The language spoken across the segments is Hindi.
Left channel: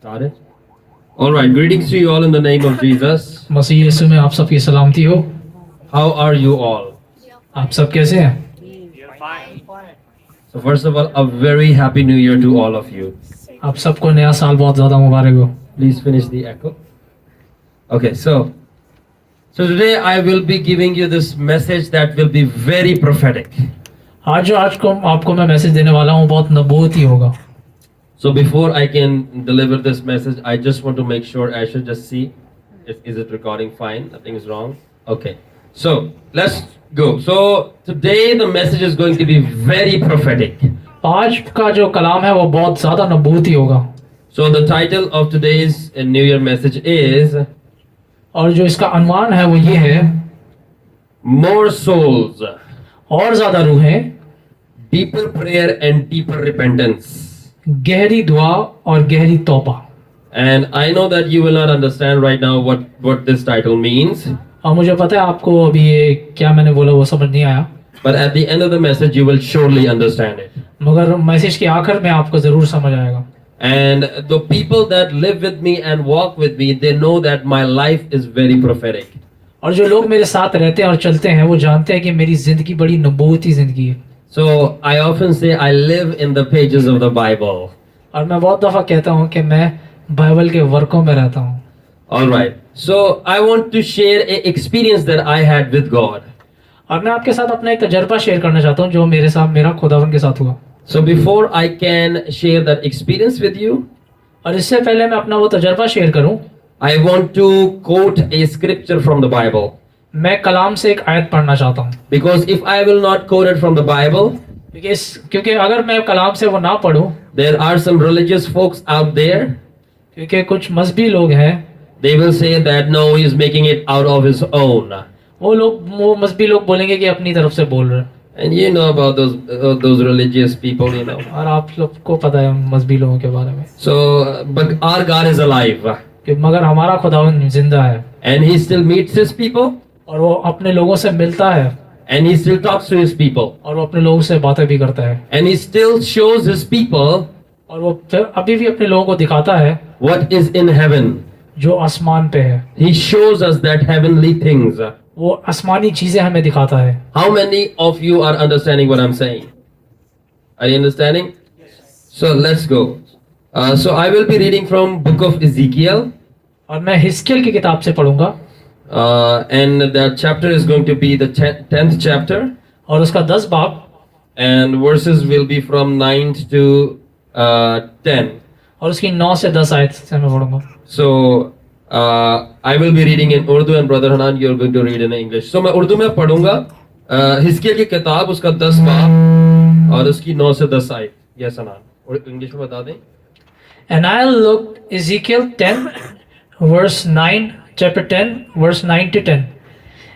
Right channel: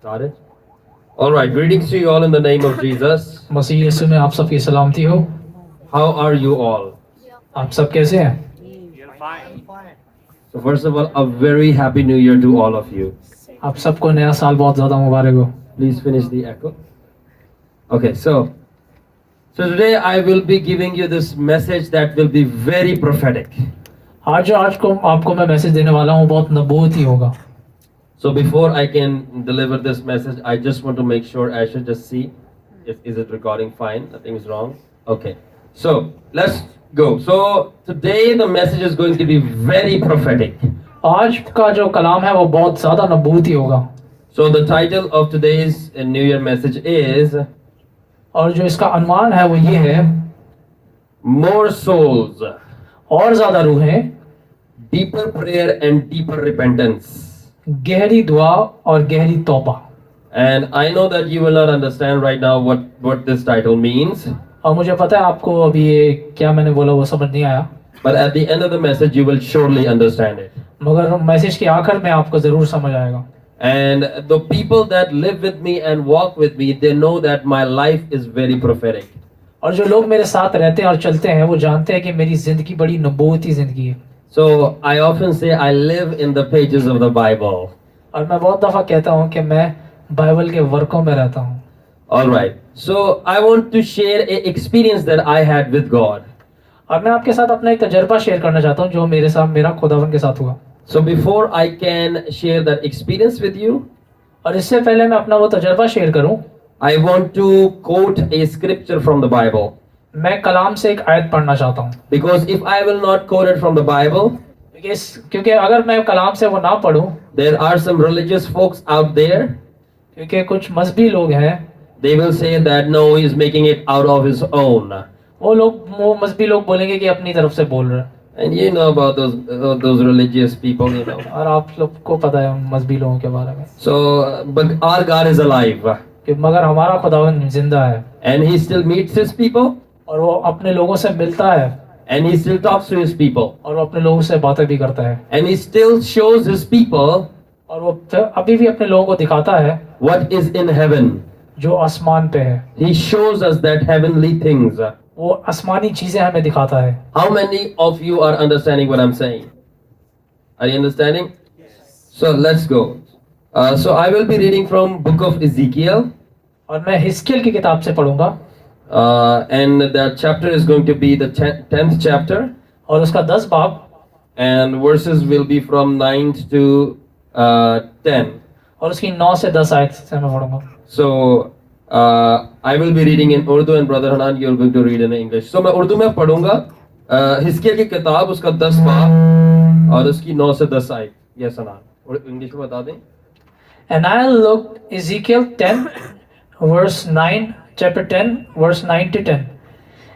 Started. All right. Greetings to you all in the name of Jesus. मसीह यीशु में आप सबकी सलामती हो। How are you all? आप सब कैसे हैं? So first of all, a very happy New Year to all of you. आप सबको नया साल बहुत ज़्यादा मुबारक हो। Please finish the echo. Okay. So today I will be giving you this message that will be very prophetic. आज को आपको मैं मैसेज देने वाला हूँ, बहुत नबूवती होगा। So before I can deliver this message, I just want to make sure I should just see is it recording fine? Nothing is wrong. Okay. So let's go. So today the message is going to be very prophetic. आज का जो कलाम है वो बहुत ज़्यादा नबूवती होगा। So the title of today's New Year message is और जो इसका अनुमान है वो ये है, More Souls, और ज़्यादा रूहें, Deeper Prayer and Deeper Repentance. गहरी दुआ और गहरी तौबा। And I know that you will not understand right now what this title means. और मुझे पता है आपको अभी ये क्या मैंने बोला वो समझ नहीं आया, But at the end of the message, you will surely understand it. मगर मैसेज के आखिर में आपको ज़रूर समझ आएगा। And the people that live with me and walk with me, they know that my life is very prophetic. और जो लोग मेरे साथ रहते हैं और चलते हैं वो जानते हैं कि मेरी जिंदगी बड़ी नबूवती जिंदगी है। So I often say I live in the pages of the Bible. और मैं बहुत दफा कहता हूँ कि मैं बाइबल के वर्कों में रहता हूँ। All right. So I want to share a experience that I had with God. और मैं आपके साथ अपना एक तजर्बा शेयर करना चाहता हूँ जो मेरा खुदावन के साथ हुआ। So before I can share that experience with you, और इससे पहले मैं अपना वो तजर्बा शेयर करूँ, I want to quote a scripture from the Bible. मैं कलाम से एक आयत पढ़ना चाहता हूँ। Because if I will not quote it from the Bible, क्योंकि अगर मैं कलाम से वो ना पढ़ूँ, there are some religious folks out there. क्योंकि कुछ मजहबी लोग हैं, They will say that no, he is making it out of his own. वो मजहबी लोग बोलेंगे कि अपनी तरफ से बोल रहे हैं। And you know about those religious people, you know. और आप लोग को पता है उन मजहबी लोगों के बारे में। So, but our God is alive, कि मगर हमारा खुदावन जिंदा है and He still meets His people, और वो अपने लोगों से मिलता है and He still talks to His people, और वो अपने लोगों से बातें भी करता है and He still shows His people और वो फिर अभी भी अपने लोगों को दिखाता है what is in heaven. जो आसमान पे है। He shows us that heavenly things. वो आसमानी चीजें हमें दिखाता है। How many of you are understanding what I'm saying? Are you understanding? So let's go. So I will be reading from book of Ezekiel. और मैं हिस्कियल की किताब से पढ़ूंगा। And the chapter is going to be the 10th chapter. और उसका 10 बाब। And verses will be from 9 to 10. और उसकी 9 से 10 आयत से मैं पढ़ूंगा। So I will be reading in Urdu and Brother Hanan, you are going to read in English. So मैं उर्दू में पढ़ूंगा हिस्कियल की किताब, उसका 10 बाब और उसकी 9 से 10 आयत। Yes, Hanan. और इंग्लिश में बता दें। And I looked, Ezekiel 10 verse 9, chapter 10 verse 9 to 10.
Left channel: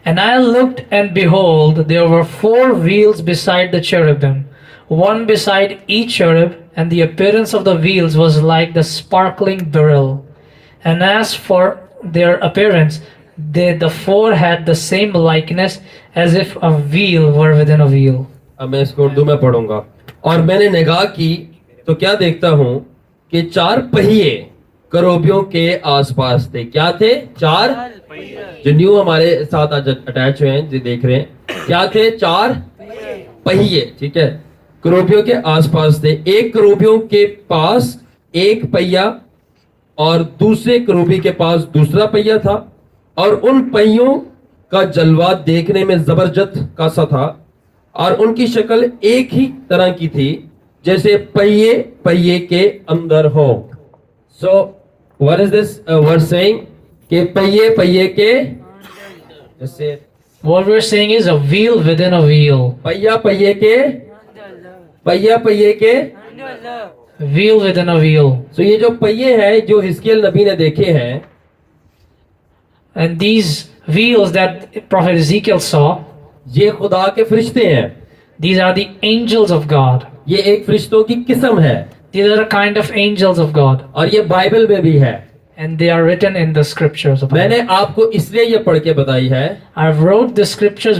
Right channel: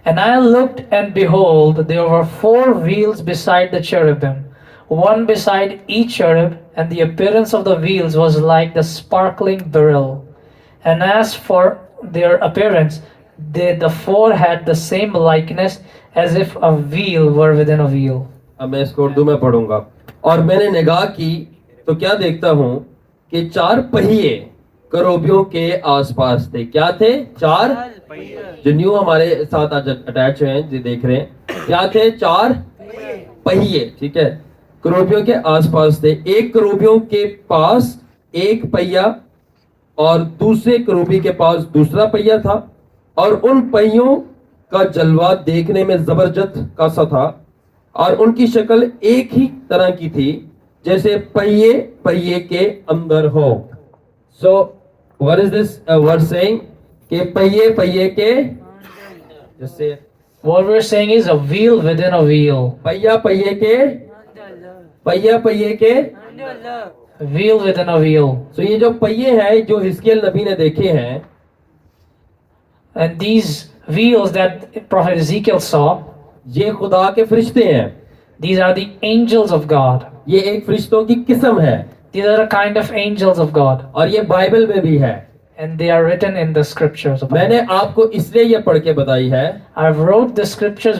And I looked, and behold, there were 4 wheels beside the cherubim, one beside each cherub, and the appearance of the wheels was like the sparkling beryl. And as for their appearance, the 4 had the same likeness as if a wheel were within a wheel. अब मैं इसको उर्दू में पढ़ूंगा। और मैंने निगाह की तो क्या देखता हूँ कि 4 पहिए करूबियों के आसपास थे। क्या थे? 4 जो न्यू हमारे साथ आज अटैच हुए हैं, जो देख रहे हैं, क्या थे? 4 पहिए, ठीक है, करूबियों के आसपास थे। एक करूबियों के पास एक पहिया और दूसरे करूबी के पास दूसरा पहिया था, और उन पहियों का जलवा देखने में जबरदस्त का सा था, और उनकी शक्ल एक ही तरह की थी जैसे पहिए पहिए के अंदर हो। So what is this word saying? कि पहिए पहिए के, जैसे What we're saying is a wheel within a wheel. पहिया पहिए के, पहिया पहिए के, Wheel within a wheel. So ये जो पहिए हैं जो हिस्कियल नबी ने देखे हैं, And these wheels that Prophet Ezekiel saw, ये खुदा के फरिश्ते हैं। these are the angels of God. ये एक फरिश्तों की किस्म है, These are a kind of angels of God. और ये बाइबल में भी है। And they are written in the scriptures. Of मैंने आपको इसलिए ये पढ़ के बताई है, I've wrote the scriptures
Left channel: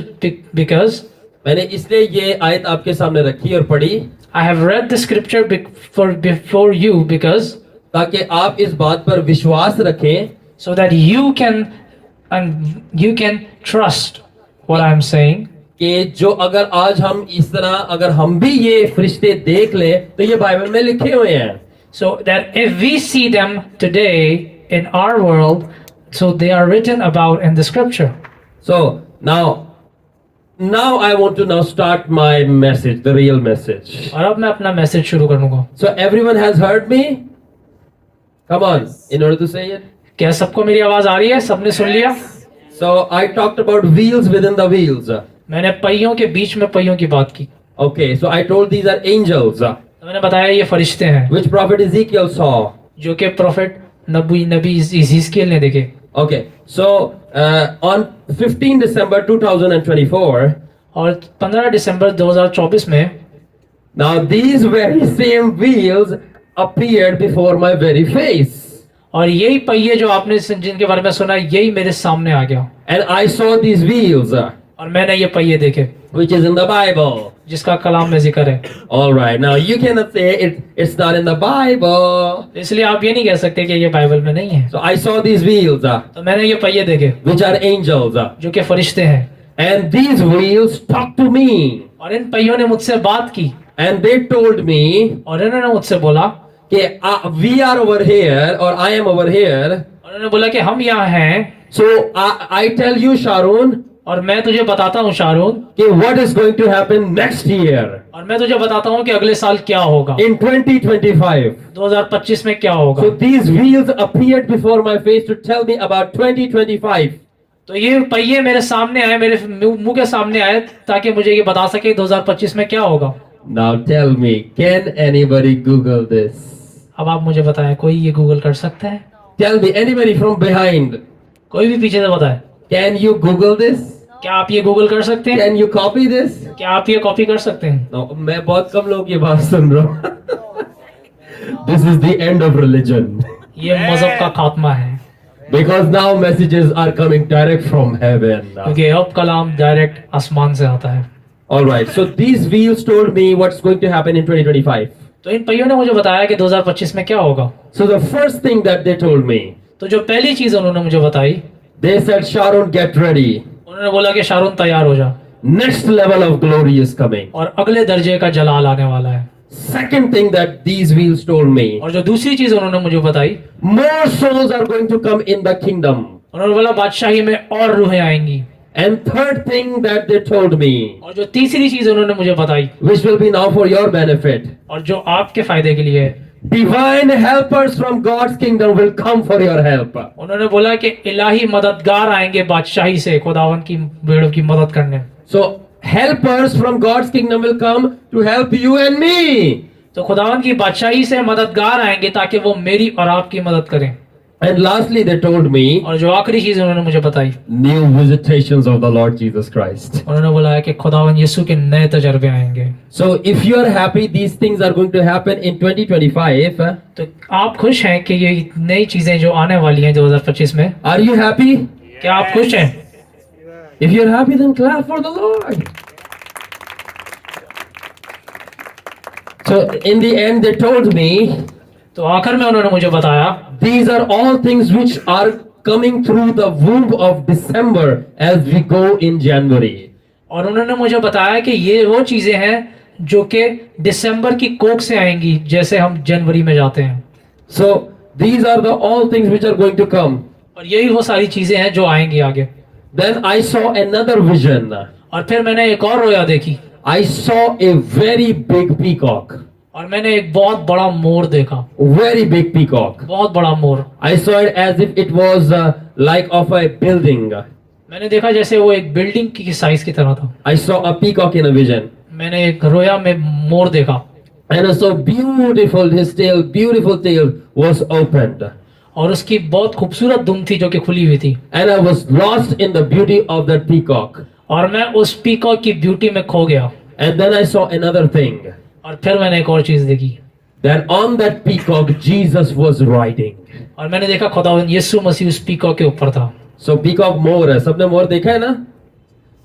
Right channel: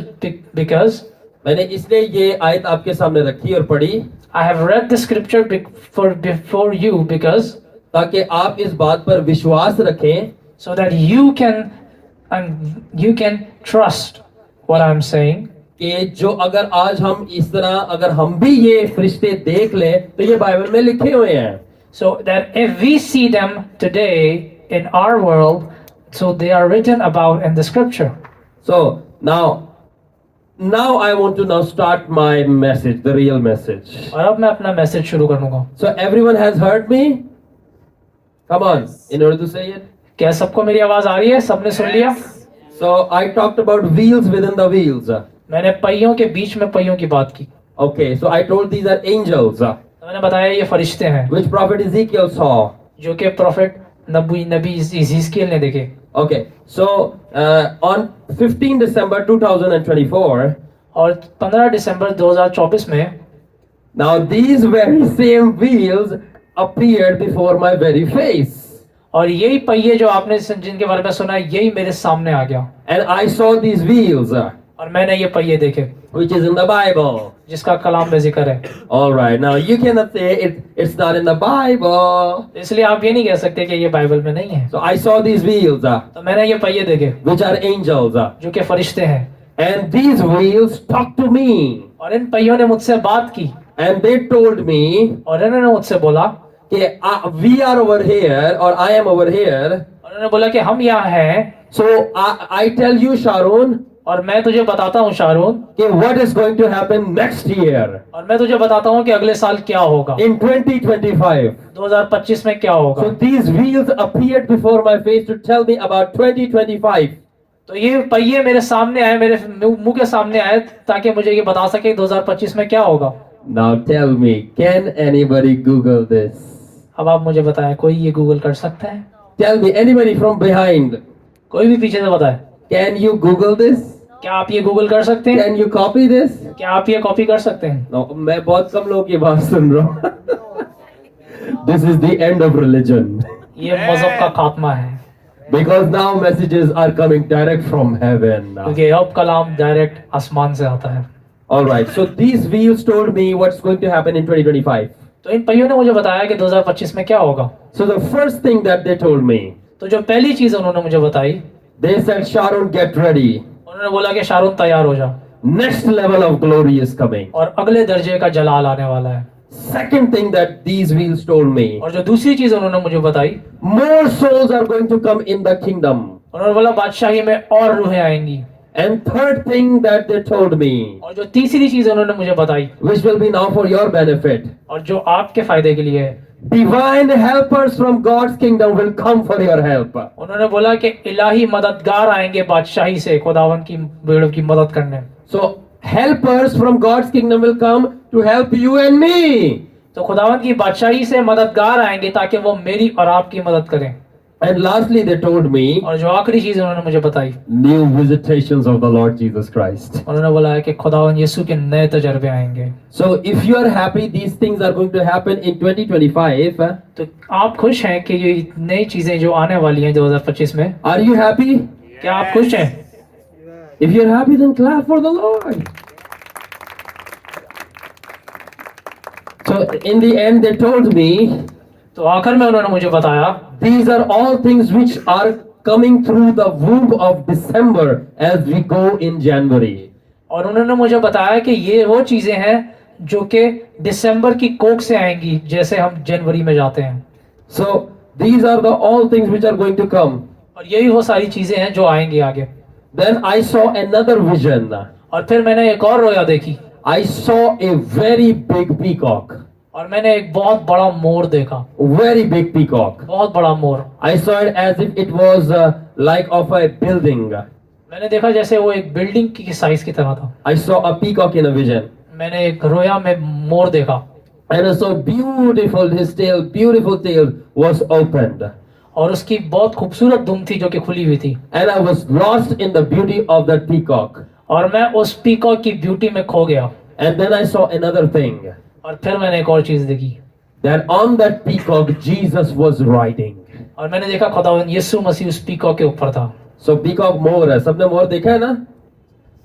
because मैंने इसलिए ये आयत आपके सामने रखी और पढ़ी, I have read the scripture before you because ताकि आप इस बात पर विश्वास रखें so that you can trust what I'm saying. कि जो अगर आज हम इस तरह अगर हम भी ये फरिश्ते देख लें तो ये बाइबल में लिखे हुए हैं. So that if we see them today in our world, so they are written about in the scripture. So now I want to now start my message, the real message. और अब मैं अपना मैसेज शुरू करूंगा. So everyone has heard me? Come on, in order to say it. क्या सबको मेरी आवाज आ रही है? सबने सुन लिया? So I talked about wheels within the wheels. मैंने पहियों के बीच में पहियों की बात की. Okay, so I told these are angels, तो मैंने बताया ये फरिश्ते हैं which prophet Ezekiel saw. जो कि प्रोफेट नबी इज़ीकियल ने देखे. Okay, so on 15 December 2024, और 15 दिसंबर 2024 में now these very same wheels appeared before my very face. और यही पहिए जो आपने जिनके बारे में सुना यही मेरे सामने आ गया. And I saw these wheels, और मैंने ये पहिए देखे which is in the Bible. जिसका कलाम में जिक्र है. All right, now you cannot say it's not in the Bible. इसलिए आप ये नहीं कह सकते कि ये बाइबल में नहीं है. So I saw these wheels, तो मैंने ये पहिए देखे which are angels, जो कि फरिश्ते हैं. and these wheels talked to me, और इन पहियों ने मुझसे बात की and they told me और इन्होंने मुझसे बोला कि we are over here or I am over here. और उन्होंने बोला कि हम यहाँ हैं. So I tell you, Sharon, और मैं तुझे बताता हूँ शारून कि what is going to happen next year और मैं तुझे बताता हूँ कि अगले साल क्या होगा. in 2025. 2025 में क्या होगा. So these wheels appeared before my face to tell me about 2025. तो ये पहिए मेरे सामने आए, मेरे मुंह के सामने आए ताकि मुझे ये बता सके 2025 में क्या होगा. Now tell me, can anybody Google this? अब आप मुझे बताएं, कोई ये गूगल कर सकता है? Tell me, anybody from behind, कोई भी पीछे से बताए. can you Google this? क्या आप ये गूगल कर सकते हैं? Can you copy this? क्या आप ये कॉपी कर सकते हैं? No, मैं बहुत कम लोग ये बात सुन रहा हूँ. This is the end of religion. ये मजहब का खात्मा है. Because now messages are coming direct from heaven. क्योंकि अब कलाम डायरेक्ट आसमान से आता है. All right, so these wheels told me what's going to happen in 2025. तो इन पहियों ने मुझे बताया कि 2025 में क्या होगा. So the first thing that they told me, तो जो पहली चीज उन्होंने मुझे बताई, they said, Sharon, get ready. उन्होंने बोला कि शारून तैयार हो जा Next level of glory is coming. और अगले दर्जे का जलाल आने वाला है. Second thing that these wheels told me, और जो दूसरी चीज उन्होंने मुझे बताई, more souls are going to come in the kingdom. उन्होंने बोला बादशाही में और रूहें आएंगी. And third thing that they told me, और जो तीसरी चीज उन्होंने मुझे बताई which will be now for your benefit, और जो आपके फायदे के लिए है, divine helpers from God's kingdom will come for your help. उन्होंने बोला कि इलाही मददगार आएंगे बादशाही से खुदावन की भेड़ों की मदद करने. So helpers from God's kingdom will come to help you and me. तो खुदावन की बादशाही से मददगार आएंगे ताकि वो मेरी और आपकी मदद करें. And lastly, they told me और जो आखिरी चीज उन्होंने मुझे बताई, new visitations of the Lord Jesus Christ. उन्होंने बोला है कि खुदावन यीशु के नए तजर्बे आएंगे. So if you are happy, these things are going to happen in 2025. तो आप खुश हैं कि ये नई चीजें जो आने वाली हैं 2025 में? Are you happy? क्या आप खुश हैं? If you're happy, then clap for the Lord. So in the end, they told me, तो आखिर में उन्होंने मुझे बताया, these are all things which are coming through the womb of December as we go in January. और उन्होंने मुझे बताया कि ये वो चीजें हैं जो कि दिसंबर की कोख से आएंगी जैसे हम जनवरी में जाते हैं. So these are the all things which are going to come. और यही वो सारी चीजें हैं जो आएंगी आगे. Then I saw another vision. और फिर मैंने एक और रोया देखी. I saw a very big peacock. और मैंने एक बहुत बड़ा मोर देखा. Very big peacock. बहुत बड़ा मोर. I saw it as if it was like of a building. मैंने देखा जैसे वो एक बिल्डिंग की साइज की तरह था. I saw a peacock in a vision. मैंने एक रोया में मोर देखा. And so beautiful, his beautiful tail was opened. और उसकी बहुत खूबसूरत दुम थी जो कि खुली हुई थी. And I was lost in the beauty of that peacock. और मैं उस पीकॉक की ब्यूटी में खो गया. And then I saw another thing. और फिर मैंने एक और चीज देखी. That on that peacock Jesus was riding. और मैंने देखा खुदावंद यीशु मसीह उस पीकॉक के ऊपर था. So peacock मोर है, सबने मोर देखा है ना?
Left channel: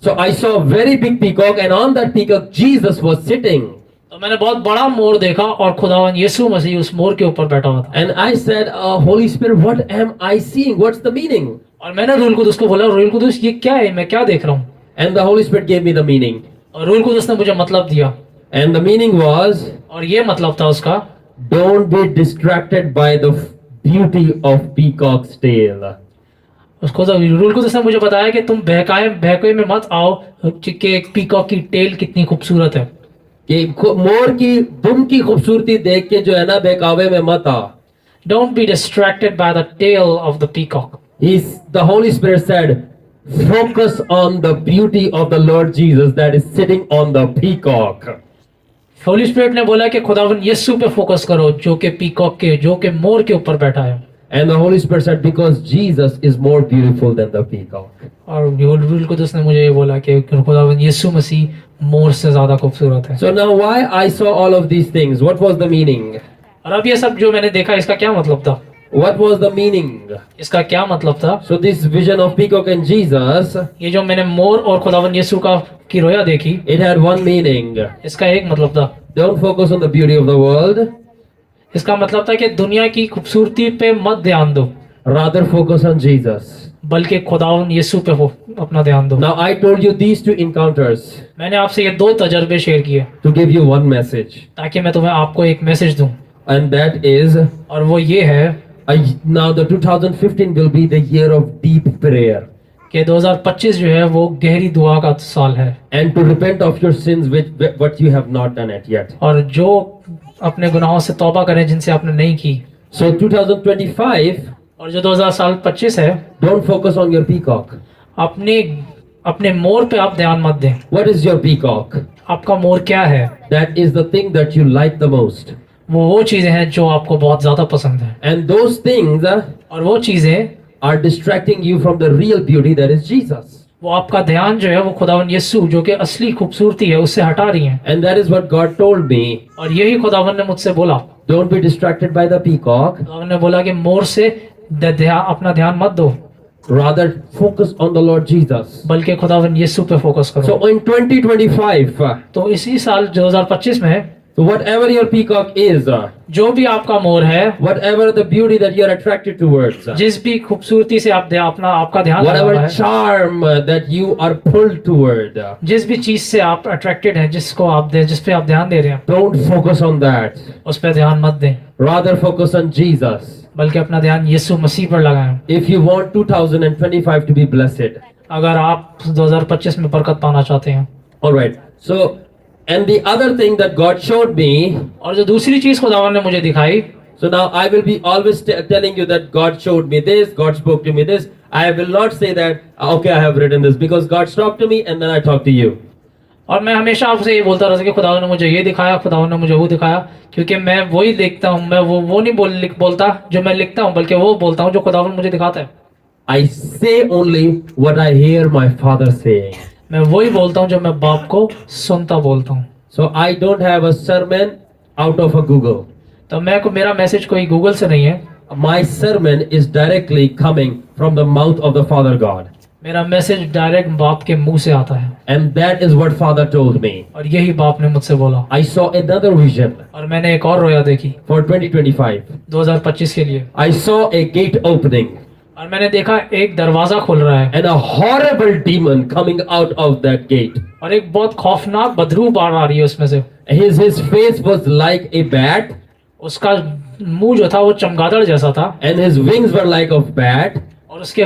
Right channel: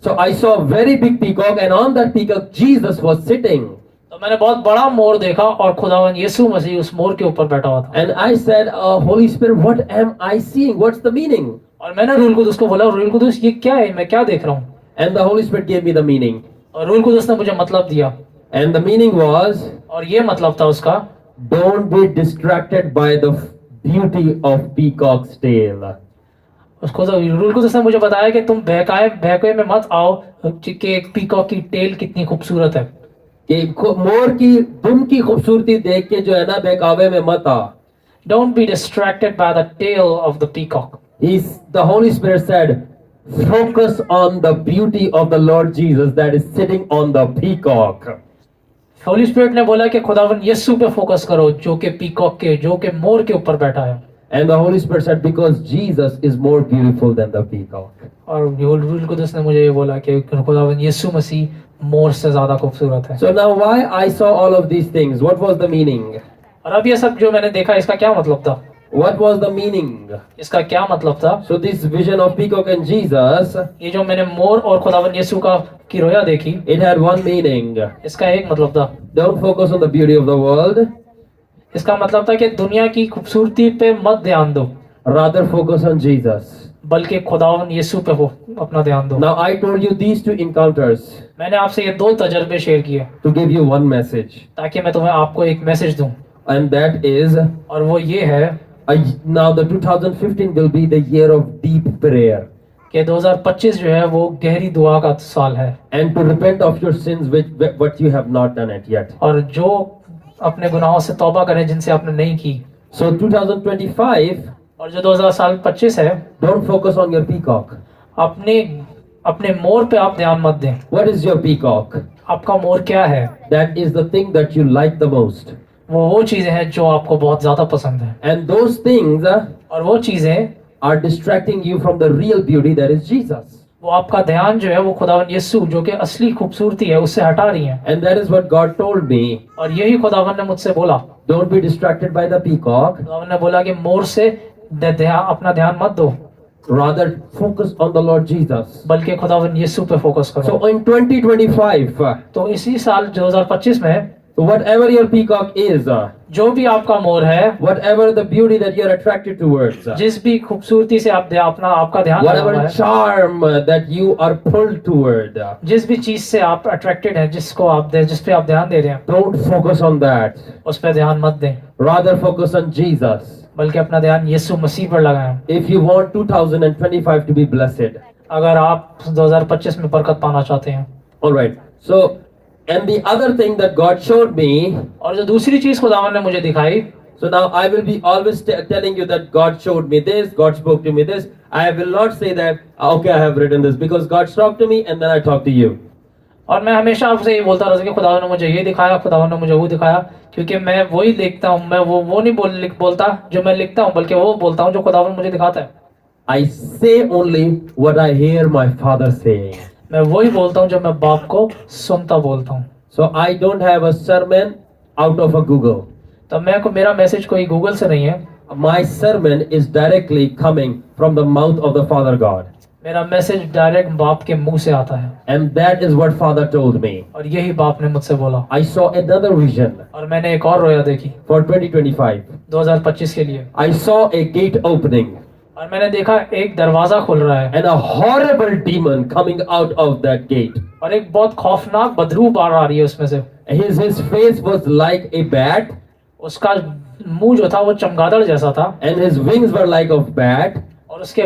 So I saw a very big peacock and on that peacock Jesus was sitting. तो मैंने बहुत बड़ा मोर देखा और खुदावन यीशु मसीह उस मोर के ऊपर बैठा हुआ था। And I said, Holy Spirit, what am I seeing? What's the meaning? और मैंने रूल कुदुस को बोला, रूल कुदुस ये क्या है, मैं क्या देख रहा हूँ? And the Holy Spirit gave me the meaning. और रूल कुदुस ने मुझे मतलब दिया, And the meaning was, और ये मतलब था उसका, don't be distracted by the beauty of peacock's tail. उसको तो रूल कुदुस ने मुझे बताया कि तुम बहकाए में मत आओ कि एक पीकॉक की टेल कितनी खूबसूरत है। कि मोर की दुम की खूबसूरती देख के जो है ना बहकावे में मत आ। Don't be distracted by the tail of the peacock. The Holy Spirit said, focus on the beauty of the Lord Jesus that is sitting on the peacock. Holi spirit ने बोला कि खुदावन यीशु पे फोकस करो जो कि पीकॉक के, जो कि मोर के ऊपर बैठा है। And the Holy Spirit said, because Jesus is more beautiful than the peacock. और रूल कुदुस ने मुझे ये बोला कि खुदावन यीशु मसीह मोर से ज्यादा खूबसूरत है। So now why I saw all of these things? What was the meaning? और अब ये सब जो मैंने देखा इसका क्या मतलब था? What was the meaning? इसका क्या मतलब था? So this vision of peacock and Jesus, ये जो मैंने मोर और खुदावन यीशु की रोया देखी, it had one meaning. इसका एक मतलब था, Don't focus on the beauty of the world. इसका मतलब था कि दुनिया की खूबसूरती पे मत ध्यान दो, Rather focus on Jesus. बल्कि खुदावन यीशु पे अपना ध्यान दो। Now I told you these two encounters मैंने आपसे ये दो तजर्बे शेयर किए to give you one message. ताकि मैं तुम्हें आपको एक मैसेज दूं, And that is, और वो ये है now the 2015 will be the year of deep prayer. कि 2025 जो है वो गहरी दुआ का साल है, And to repent of your sins with what you have not done it yet. और जो अपने गुनाहों से तौबा करें जिनसे आपने नहीं की। So 2025, और जो 2025 है, don't focus on your peacock. अपने मोर पे आप ध्यान मत दें। What is your peacock? आपका मोर क्या है? That is the thing that you like the most. वो चीजें हैं जो आपको बहुत ज्यादा पसंद है, And those things और वो चीजें are distracting you from the real beauty that is Jesus. वो आपका ध्यान जो है वो खुदावन यीशु जो कि असली खूबसूरती है उससे हटा रही हैं। And that is what God told me. और यही खुदावन ने मुझसे बोला। Don't be distracted by the peacock. खुदावन ने बोला कि मोर से अपना ध्यान मत दो, Rather focus on the Lord Jesus. बल्कि खुदावन यीशु पे फोकस करो। So in 2025, तो इसी साल 2025 में so whatever your peacock is, जो भी आपका मोर है, whatever the beauty that you are attracted towards, जिस भी खूबसूरती से आपका ध्यान लगा हुआ whatever है, charm that you are pulled toward, जिस भी चीज से आप अट्रैक्टेड हैं, जिस पे आप ध्यान दे रहे हैं, don't focus on that. उस पे ध्यान मत दें, Rather focus on Jesus. बल्कि अपना ध्यान यीशु मसीह पर लगाएं। If you want 2025 to be blessed. अगर आप 2025 में बरकत पाना चाहते हैं। All right. So, and the other thing that God showed me. और जो दूसरी चीज खुदावन ने मुझे दिखाई, So now I will be always telling you that God showed me this, God spoke to me this. I will not say that, okay, I have written this, because God spoke to me and then I talk to you. और मैं हमेशा आपसे ये बोलता रहता कि खुदावन ने मुझे ये दिखाया, खुदावन ने मुझे वो दिखाया, क्योंकि मैं वही लिखता हूँ, मैं वो नहीं बोलता जो मैं लिखता हूँ, बल्कि वो बोलता हूँ जो खुदावन मुझे दिखाता है। I say only what I hear my father saying. मैं वही बोलता हूँ जो मैं बाप को सुनता बोलता हूँ। So I don't have a sermon out of a Google. तो मेरा मैसेज कोई गूगल से नहीं है। My sermon is directly coming from the mouth of the Father God. मेरा मैसेज डायरेक्ट बाप के मुंह से आता है, And that is what Father told me. और यही बाप ने मुझसे बोला। I saw another vision और मैंने एक और रोया देखी for 2025. 2025 के लिए, I saw a gate opening और मैंने देखा एक दरवाजा खुल रहा है, and a horrible demon coming out of that gate. और एक बहुत खौफनाक बदबू बाहर आ रही है उसमें से। His face was like a bat उसका मुंह जो था वो चमगादड़ जैसा था, and his wings were like of bat, और उसके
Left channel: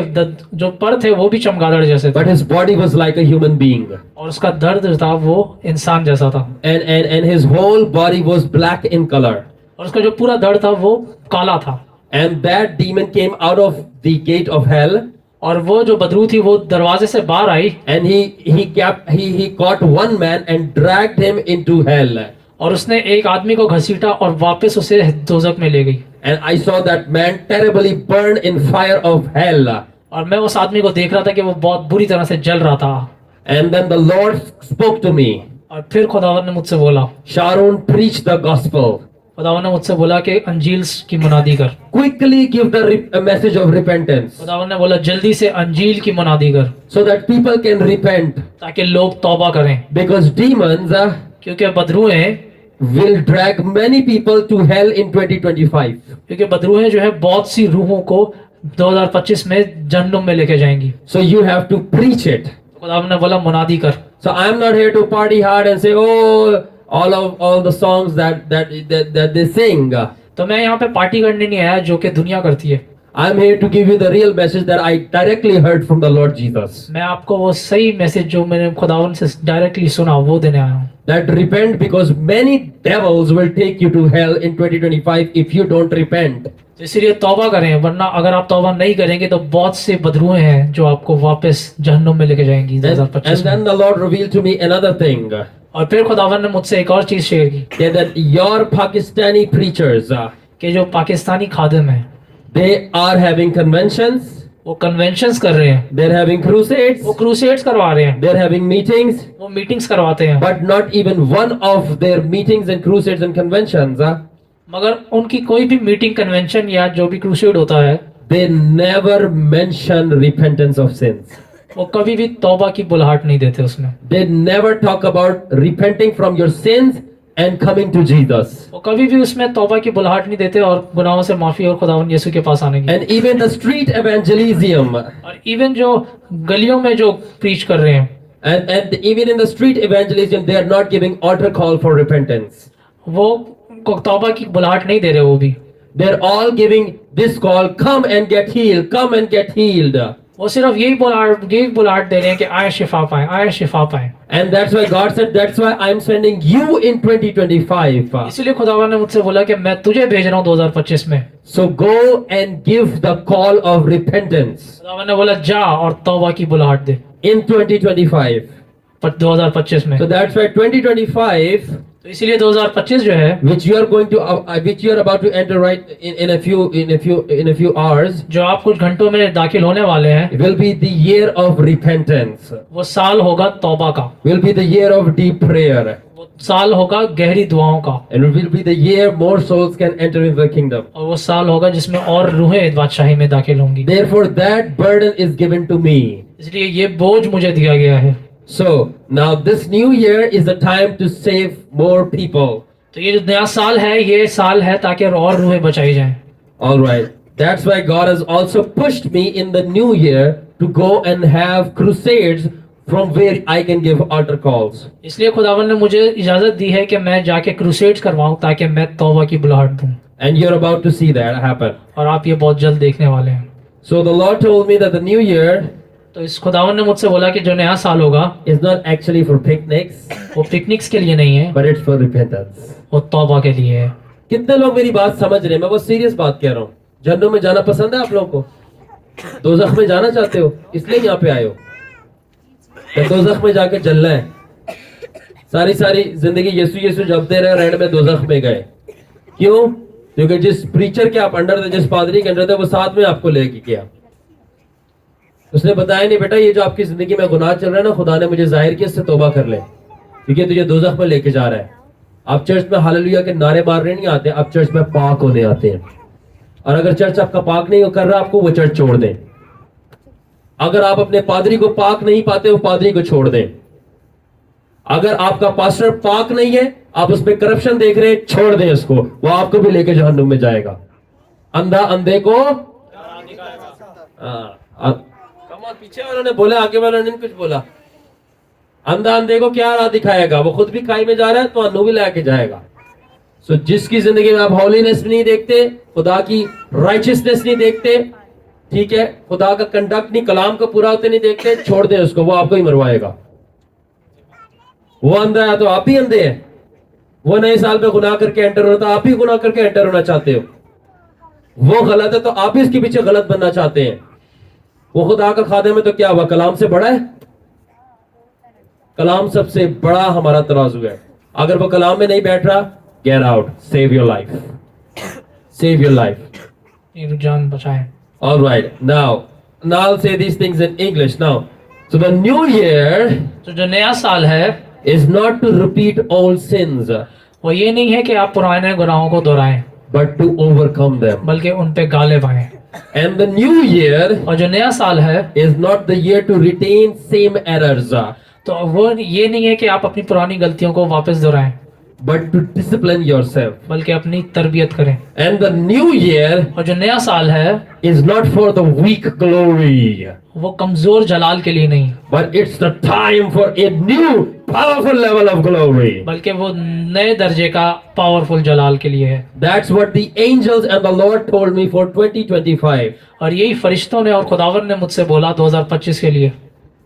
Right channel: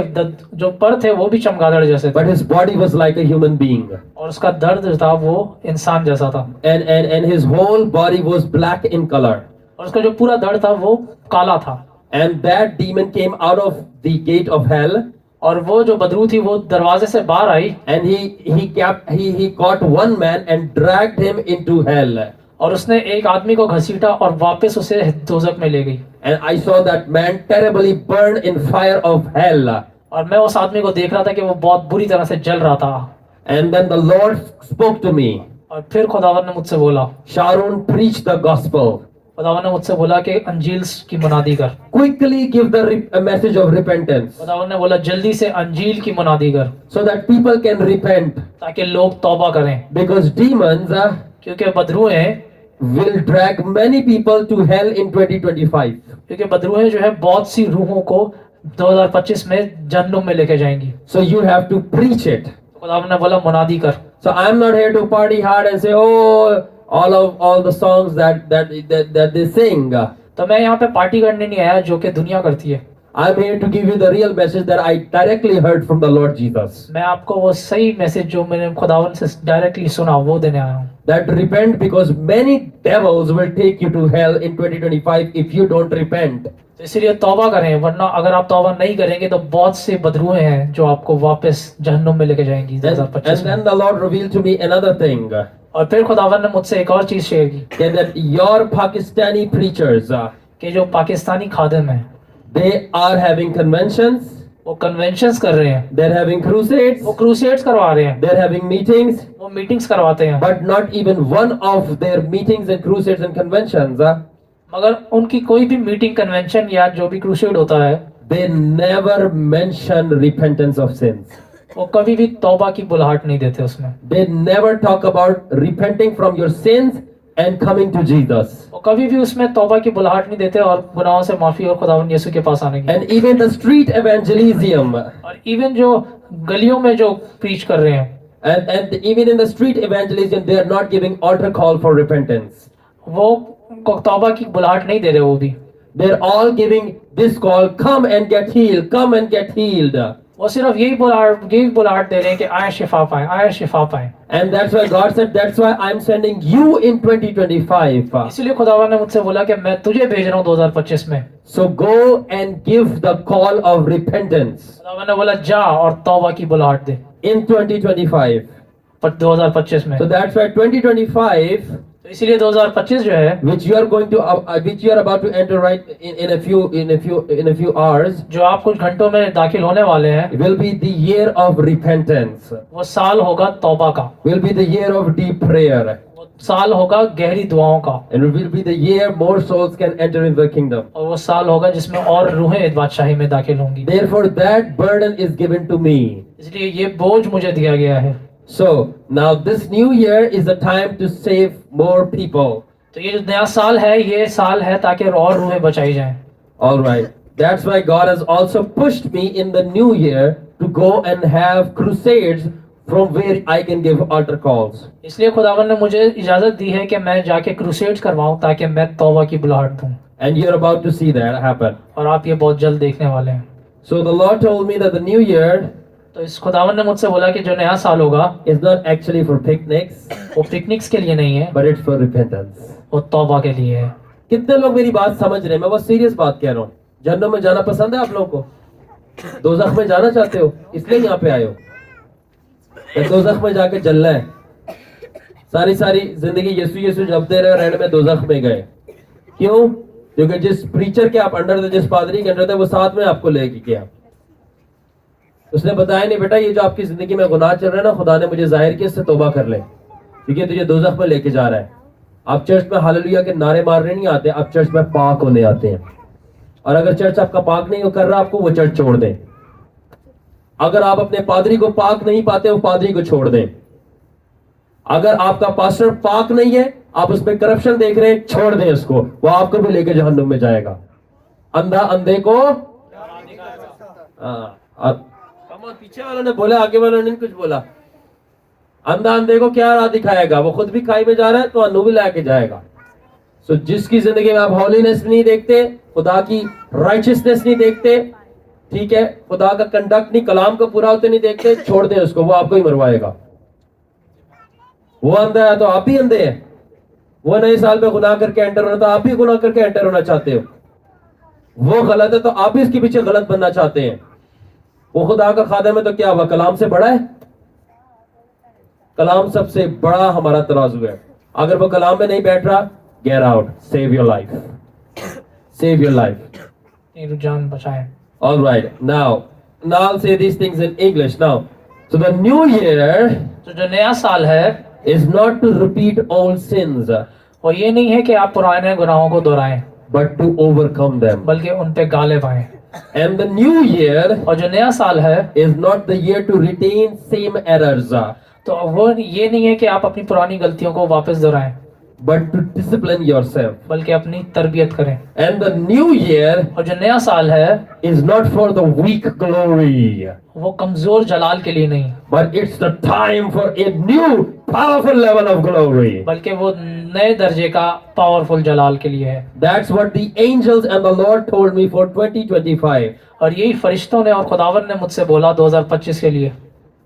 जो पर थे वो भी चमगादड़ जैसे थे, but his body was like a human being. और उसका दर्द जो था वो इंसान जैसा था, And his whole body was black in color. और उसका जो पूरा दर्द था वो काला था। And that demon came out of the gate of hell. और वो जो बदरू थी वो दरवाजे से बाहर आई, And he caught one man and dragged him into hell. और उसने एक आदमी को घसीटा और वापस उसे दोजख में ले गई। And I saw that man terribly burned in fire of hell. और मैं उस आदमी को देख रहा था कि वो बहुत बुरी तरह से जल रहा था। And then the Lord spoke to me. और फिर खुदावन ने मुझसे बोला, Sharon, preach the gospel. खुदावन ने मुझसे बोला कि अंजील की मुनादी कर। Quickly give a message of repentance. खुदावन ने बोला जल्दी से अंजील की मुनादी कर, So that people can repent. ताकि लोग तौबा करें, Because demons, क्योंकि बदरूएं will drag many people to hell in 2025. क्योंकि बदरूहें जो है बहुत सी रूहों को 2025 में जहन्नुम में लेके जाएंगी। So you have to preach it. खुदावन ने बोला मुनादी कर। So I'm not here to party hard and say, oh, all the songs that they sing. तो मैं यहाँ पे पार्टी करने नहीं आया जो कि दुनिया करती है। I'm here to give you the real message that I directly heard from the Lord Jesus. मैं आपको वो सही मैसेज जो मैंने खुदावन से डायरेक्टली सुना वो देने आया हूँ। That repent, because many devils will take you to hell in 2025 if you don't repent. तो इसीलिए तौबा करें, वरना अगर आप तौबा नहीं करेंगे तो बहुत से बदरूहें हैं जो आपको वापस जहन्नुम में लेके जाएंगी And 2025 में। then the Lord revealed to me another thing. और फिर खुदावन ने मुझसे एक और चीज शेयर की That your Pakistani preachers, कि जो पाकिस्तानी खादिम हैं they are having conventions, वो कन्वेंशंस कर रहे हैं, they're having crusades, वो क्रूसेड्स करवा रहे हैं, they're having meetings, वो मीटिंग्स करवाते हैं, but not even one of their meetings and crusades and conventions, मगर उनकी कोई भी मीटिंग कन्वेंशन या जो भी क्रूसेड होता है they never mention repentance of sins. वो कभी भी तौबा की बुलाहट नहीं देते उसमें। They never talk about repenting from your sins and coming to Jesus. वो कभी भी उसमें तौबा की बुलाहट नहीं देते और गुनाहों से माफी और खुदावन यीशु के पास आने की। And even the street evangelism, और इवन जो गलियों में जो प्रीच कर रहे हैं, and even in the street evangelism, they are not giving altar call for repentance. वो तौबा की बुलाहट नहीं दे रहे वो भी। They're all giving this call, come and get healed, come and get healed. वो सिर्फ यही बुलाहट दे रहे हैं कि आए शिफा पाए, आए शिफा पाए। And that's why God said, that's why I'm sending you in 2025. इसलिए खुदावन ने मुझसे बोला कि मैं तुझे भेज रहा हूँ 2025 में। So go and give the call of repentance खुदावन ने बोला जा और तौबा की बुलाहट दे in 2025. 2025 में। So that's why 2025, तो इसीलिए 2025 जो है, which you are about to enter right in a few hours, जो आप कुछ घंटों में दाखिल होने वाले हैं, will be the year of repentance. वो साल होगा तौबा का, Will be the year of deep prayer. वो साल होगा गहरी दुआओं का, And it will be the year more souls can enter into the kingdom. और वो साल होगा जिसमें और रूहें बादशाही में दाखिल होंगी। Therefore, that burden is given to me. इसलिए ये बोझ मुझे दिया गया है। So now this new year is the time to save more people. तो ये जो नया साल है, ये साल है ताकि और रूहें बचाई जाएं। All right. That's why God has also pushed me in the new year to go and have crusades from where I can give altar calls. इसलिए खुदावन ने मुझे इजाजत दी है कि मैं जाके क्रूसेड्स करवाऊं ताकि मैं तौबा की बुलाहट दूं। And you're about to see that happen. और आप ये बहुत जल्द देखने वाले हैं। So the Lord told me that the new year तो इस खुदावन ने मुझसे बोला कि जो नया साल होगा is not actually for picnics, वो पिकनिक्स के लिए नहीं है, but it's for repentance. वो तौबा के लिए है। कितने लोग मेरी बात समझ रहे हैं? मैं बहुत सीरियस बात कह रहा हूँ। जन्नत में जाना पसंद है आप लोगों को? दोज़ख में जाना चाहते हो, इसलिए यहाँ पे आए हो? या दोज़ख में जाके जलना है? सारी जिंदगी यीशु यीशु जपते रहे, रेड में दोज़ख में गए। क्यों? क्योंकि जिस प्रीचर के आप अंडर थे, जिस पादरी के अंडर थे, वो साथ में आपको लेके गया। उसने बताया नहीं बेटा, ये जो आपकी जिंदगी में गुनाह चल रहा है ना, खुदा ने मुझे जाहिर किया, इससे तौबा कर ले, क्योंकि तुझे दोज़ख में लेके जा रहा है। आप चर्च में हालेलुया के नारे मारने नहीं आते, आप चर्च में पाक होने आते हैं। और अगर चर्च आपका पाक नहीं कर रहा आपको, वो चर्च छोड़ दें। अगर आप अपने पादरी को पाक नहीं पाते, वो पादरी को छोड़ दें। अगर आपका पास्टर पाक नहीं है, आप उसमें करप्शन देख रहे हैं, छोड़ दें उसको, वो आपको भी लेके जहन्नुम में जाएगा। अंधा अंधे को पीछे वालों ने बोला, आगे वालों ने कुछ बोला। अंधा अंधे को क्या राह दिखाएगा? वो खुद भी खाई में जा रहा है तो अनु भी लाके जाएगा। सो जिसकी जिंदगी में आप हॉलीनेस नहीं देखते, खुदा की राइचियसनेस नहीं देखते, ठीक है, खुदा का कंडक्ट नहीं, कलाम को पूरा होते नहीं देखते, छोड़ दें उसको, वो आपको ही मरवाएगा। वो अंधा है तो आप ही अंधे हैं। वो नए साल में गुनाह करके एंटर होना, तो आप ही गुनाह करके एंटर होना चाहते हो। वो गलत है तो आप ही इसके पीछे गलत बनना चाहते हैं। वो खुदा का खादिम है तो क्या हुआ? कलाम से बड़ा है? कलाम सबसे बड़ा हमारा तराजू है। अगर वो कलाम में नहीं बैठ रहा, get out, save your life, save your life, जान बचाएं। All right, now I'll say these things in English now. So the new year तो जो नया साल है is not to repeat old sins, वो ये नहीं है कि आप पुराने गुनाहों को दोहराएं, but to overcome them. बल्कि उन पे गालिब आएं। And the new year और जो नया साल है is not the year to retain same errors, तो वो ये नहीं है कि आप अपनी पुरानी गलतियों को वापस दोहराएं, but to discipline yourself. बल्कि अपनी तरबियत करें। And the new year और जो नया साल है is not for the weak glory, वो कमजोर जलाल के लिए नहीं, but it's the time for a new powerful level of glory. बल्कि वो नए दर्जे का पावरफुल जलाल के लिए है। That's what the angels and the Lord told me for 2025. और यही फरिश्तों ने और खुदावन ने मुझसे बोला 2025 के लिए।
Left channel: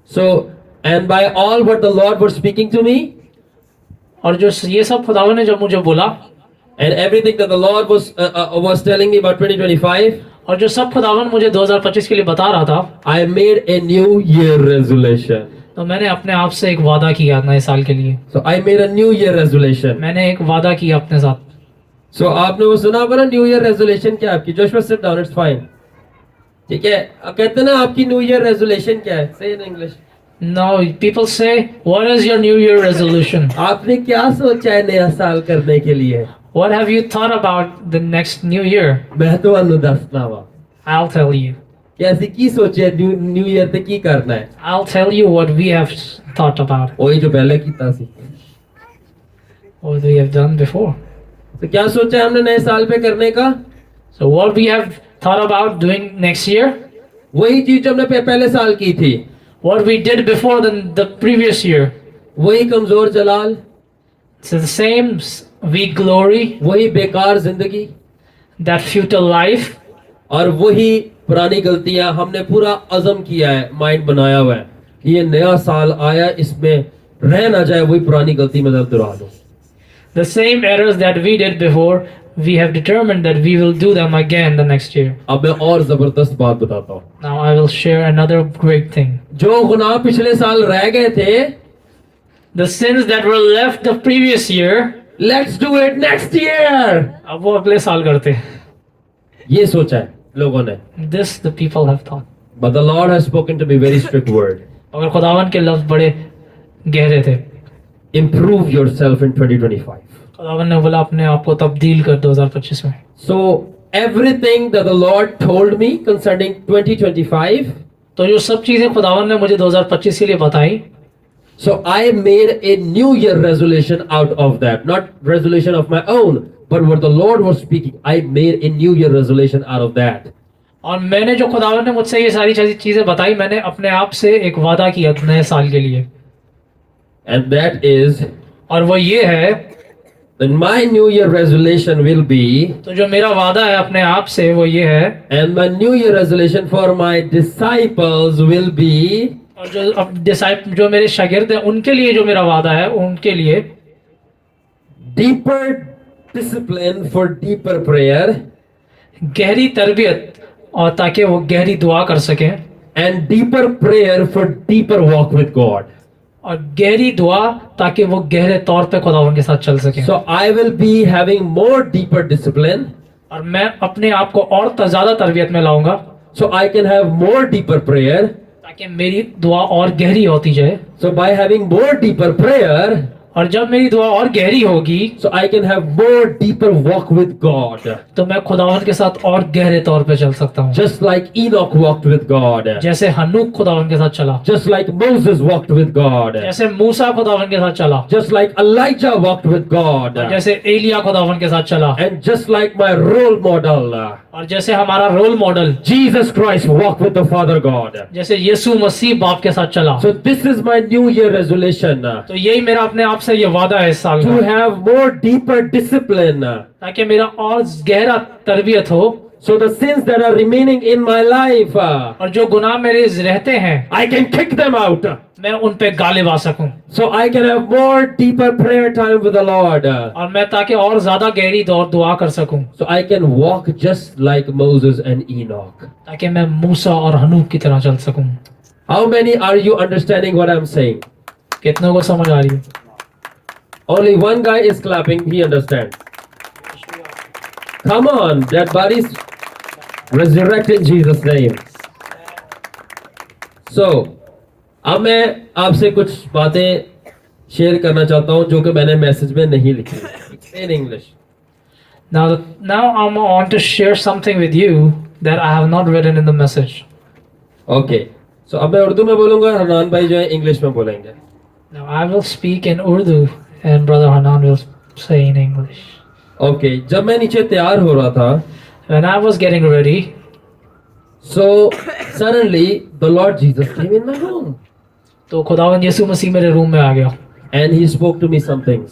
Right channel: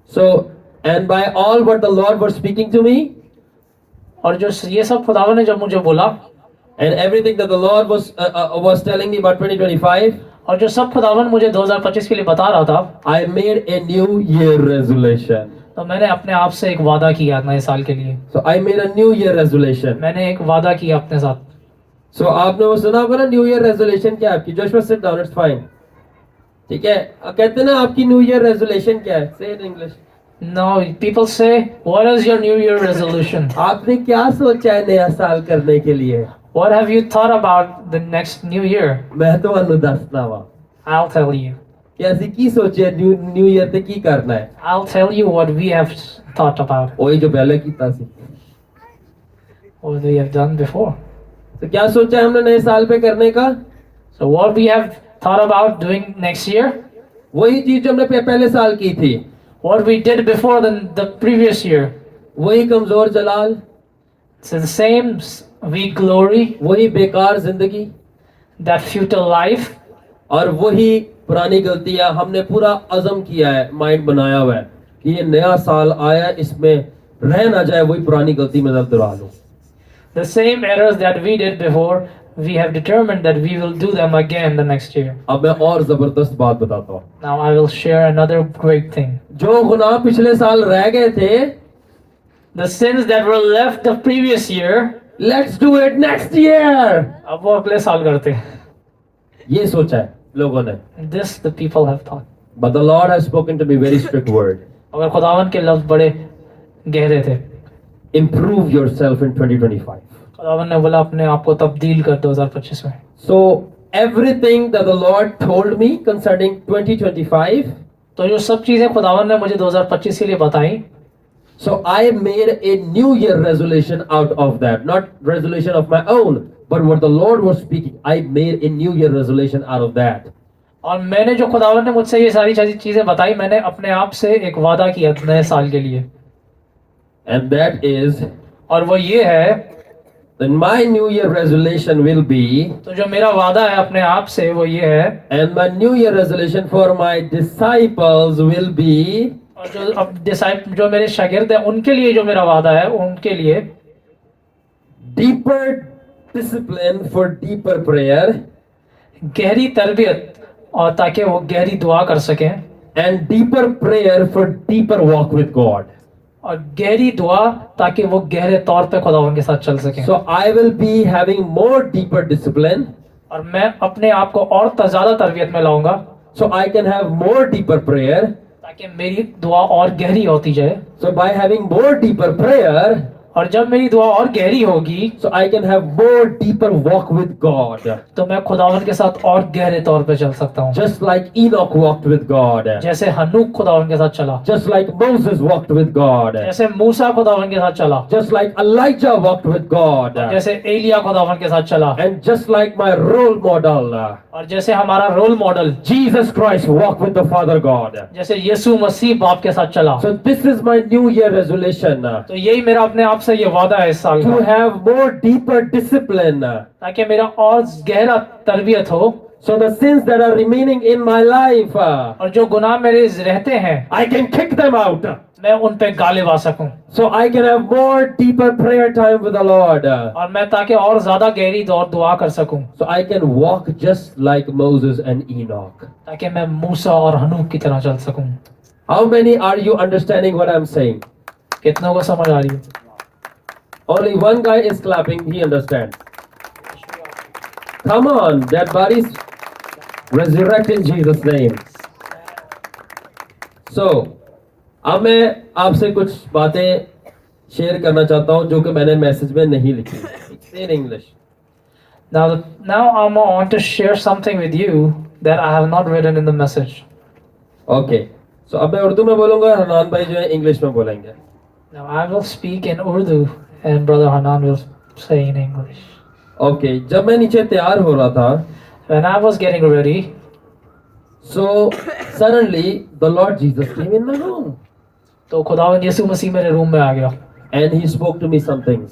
So, and by all what the Lord was speaking to me, और जो ये सब खुदावन ने जब मुझे बोला and everything that the Lord was telling me about 2025, और जो सब खुदावन मुझे 2025 के लिए बता रहा था, I made a new year resolution. तो मैंने अपने आप से एक वादा किया नए साल के लिए। So I made a new year resolution. मैंने एक वादा किया अपने साथ। So आपने वो सुना होगा ना न्यू ईयर रेजोल्यूशन क्या है आपकी? Joshua sit down, it's fine. ठीक है, अब कहते हैं ना आपकी न्यू ईयर रेजोल्यूशन क्या है? से in English. No, people say, what is your New Year resolution? आपने क्या सोचा है नया साल करने के लिए? What have you thought about the next New Year? मैं तो अनु दसना वा I'll tell you. कैसी की सोची है न्यू ईयर ते की करना है? I'll tell you what we have thought about, वही जो पहले कीता सी। what we have done before. तो क्या सोचा है हमने नए साल पे करने का? So what we have thought about doing next year, वही चीज जो हमने पहले साल की थी, what we did before the previous year. वही कमजोर जलाल, So the same weak glory, वही बेकार जिंदगी that futile life, और वही पुरानी गलतियां। हमने पूरा अज़म किया है, माइंड बनाया हुआ है कि ये नया साल आया, इसमें रह ना जाए वही पुरानी गलती में दर्द दुरा लूं। the same errors that we did before, we have determined that we will do them again the next year. अब मैं और जबरदस्त बात बताता हूँ। Now I will share another great thing. जो गुनाह पिछले साल रह गए थे, The sins that were left the previous year, let's do it next year. अब वो अगले साल करते हैं। ये सोचा है लोगों ने। This the people have thought. But the Lord has spoken to me very strict word. मगर खुदावन के लफ्ज बड़े गहरे थे। Improve yourself in 2025. खुदावन ने बोला अपने आप को तब्दील कर 2025 में। So everything that the Lord told me concerning 2025, तो जो सब चीजें खुदावन ने मुझे 2025 के लिए बताई, so I made a new year resolution out of that. Not resolution of my own, but what the Lord was speaking. I made a new year resolution out of that. और मैंने जो खुदावन ने मुझसे ये सारी चीजें बताई, मैंने अपने आप से एक वादा किया नए साल के लिए, And that is, और वो ये है, that my new year resolution will be, तो जो मेरा वादा है अपने आप से वो ये है, and my new year resolution for my disciples will be, और जो अब जो मेरे शागिर्द हैं उनके लिए जो मेरा वादा है, उनके लिए deeper discipline for deeper prayer, गहरी तरबियत, और ताकि वो गहरी दुआ कर सकें, and deeper prayer for deeper walk with God. और गहरी दुआ ताकि वो गहरे तौर पे खुदावन के साथ चल सकें। So I will be having more deeper discipline, और मैं अपने आप को और ज्यादा तरबियत में लाऊंगा, so I can have more deeper prayer. ताकि मेरी दुआ और गहरी होती जाए। So by having more deeper prayer, और जब मेरी दुआ और गहरी होगी, so I can have more deeper walk with God. तो मैं खुदावन के साथ और गहरे तौर पे चल सकता हूँ। Just like Enoch walked with God. जैसे हनूक खुदावन के साथ चला, Just like Moses walked with God. जैसे मूसा खुदावन के साथ चला, Just like Elijah walked with God. जैसे एलिया खुदावन के साथ चला, And just like my role model, और जैसे हमारा role model Jesus Christ walked with the Father God. जैसे यीशु मसीह बाप के साथ चला। So this is my new year resolution, तो यही मेरा अपने आप से ये वादा है इस साल to का, have more deeper discipline. ताकि मेरा और गहरा तरबियत हो, So the sins that are remaining in my life, और जो गुनाह मेरे रहते हैं I can kick them out. मैं उन पे गालिब आ सकूं, So I can have more deeper prayer time with the Lord. और मैं ताकि और ज्यादा गहरी दुआ कर सकूं, So I can walk just like Moses and Enoch. ताकि मैं मूसा और हनूक की तरह चल सकूं। How many are you understanding what I'm saying? कितनों को समझ आ रही है? Only one guy is clapping, he understands. Come on, dead bodies, resurrect in Jesus' name. So, अब मैं आपसे कुछ बातें शेयर करना चाहता हूं जो कि मैंने मैसेज में नहीं लिखी। In English. Now I want to share something with you that I have not written in the message. Okay. So अब मैं उर्दू में बोलूंगा, हरनान भाई जो है इंग्लिश में बोलेंगे। Now I will speak in Urdu and Brother Hanan will say in English. Okay, जब मैं नीचे तैयार हो रहा था, When I was getting ready, so suddenly the Lord Jesus came in my room तो खुदावंद यीशु मसीह मेरे रूम में आ गया and he spoke to me some things.